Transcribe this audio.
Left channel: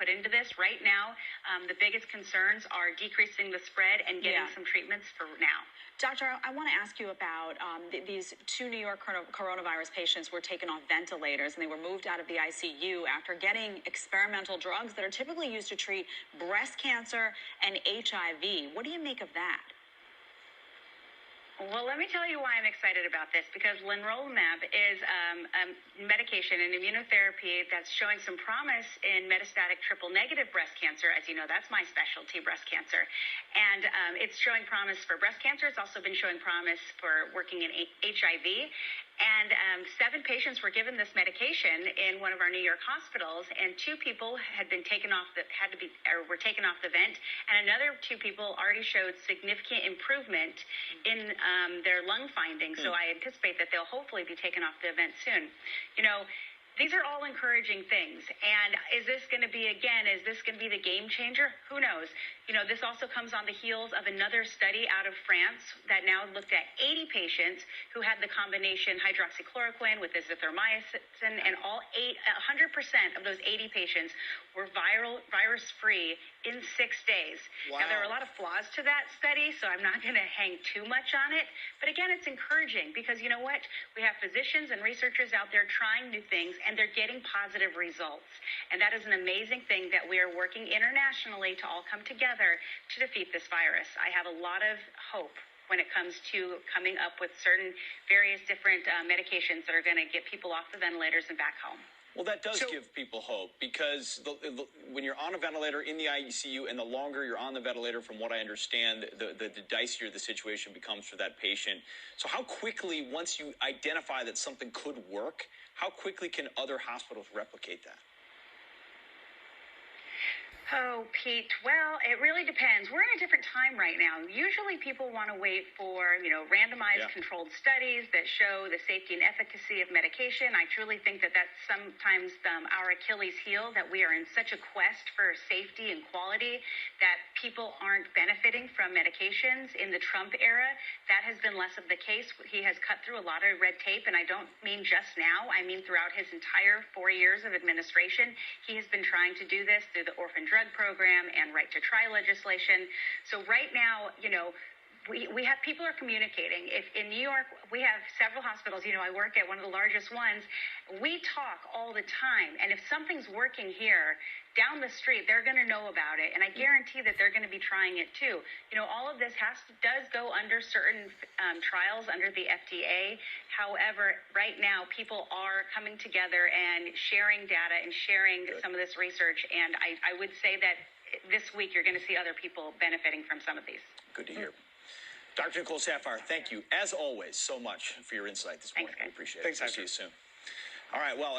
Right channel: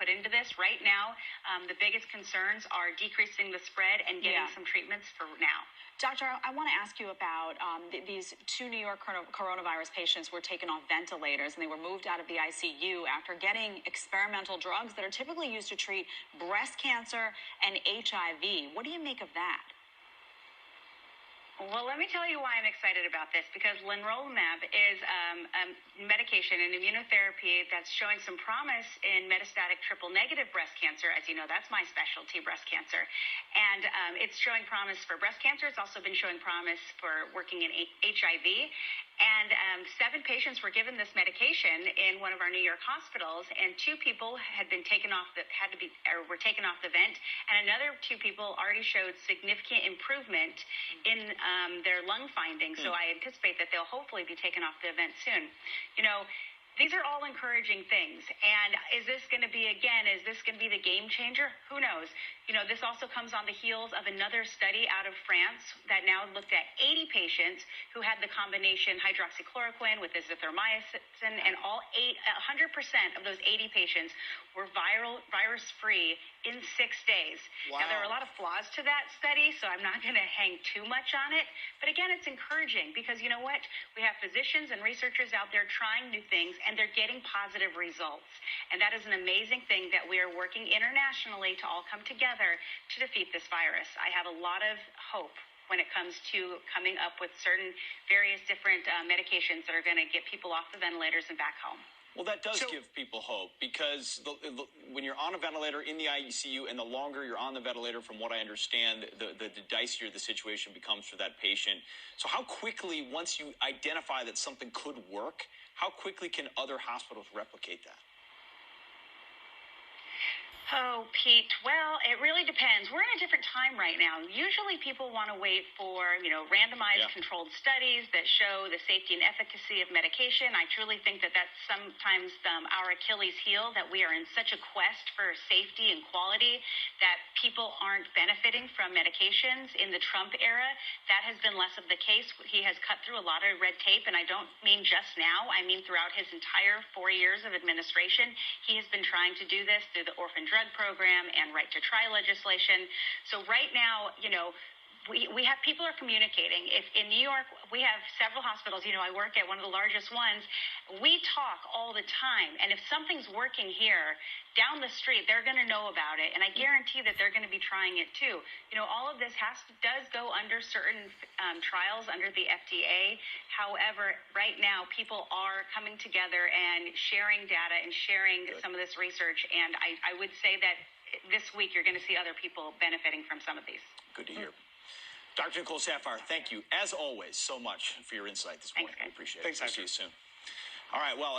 put into this. Right now, the biggest concerns are decreasing the spread and getting some treatments for now. Doctor, I want to ask you about these 2 New York coronavirus patients were taken off ventilators and they were moved out of the ICU after getting experimental drugs that are typically used to treat breast cancer and HIV. What do you make of that? Well, let me tell you why I'm excited about this, because Leronlimab is a medication, an immunotherapy that's showing some promise in metastatic triple-negative breast cancer. As you know, that's my specialty, breast cancer. And it's showing promise for breast cancer. It's also been showing promise for working in HIV. And 7 patients were given this medication in one of our New York hospitals, and 2 people had been taken off were taken off the vent, and another 2 people already showed significant improvement in their lung findings. So I anticipate that they'll hopefully be taken off the vent soon. You know, these are all encouraging things. And is this going to be the game changer? Who knows? You know, this also comes on the heels of another study out of France that now looked at 80 patients who had the combination hydroxychloroquine with azithromycin, and 100% of those 80 patients were virus-free in 6 days. Wow. Now, there are a lot of flaws to that study, so I'm not going to hang too much on it. But again, it's encouraging because, you know what? We have physicians and researchers out there trying new things, and they're getting positive results. And that is an amazing thing that we are working internationally to all come together to defeat this virus. I have a lot of hope when it comes to coming up with certain various different medications that are going to get people off the ventilators and back home. Well, that does give people hope, because when you're on a ventilator in the ICU, and the longer you're on the ventilator, from what I understand, the dicier the situation becomes for that patient. So how quickly, once you identify that something could work, how quickly can other hospitals replicate that? Oh, Pete, well, it really depends. We're in a different time right now. Usually people want to wait for, randomized controlled studies that show the safety and efficacy of medication. I truly think that that's sometimes our Achilles heel, that we are in such a quest for safety and quality that people aren't benefiting from medications. In the Trump era, that has been less of the case. He has cut through a lot of red tape, and I don't mean just now. I mean throughout his entire 4 years of administration, he has been trying to do this through the orphan drug program and right to try legislation. So right now, we have people are communicating. If in New York, we have several hospitals, I work at one of the largest ones. We talk all the time. And if something's working here, down the street, they're going to know about it. And I guarantee that they're going to be trying it too. All of this does go under certain trials under the FDA. However, right now, people are coming together and sharing data and sharing some of this research. And I would say that this week, you're going to see other people benefiting from some of these. Good to hear. Dr. Nicole Saphier, thank you, as always, so much for your insight this morning. Thanks, guys. We appreciate it. Thanks, I'll see you soon. All right, well,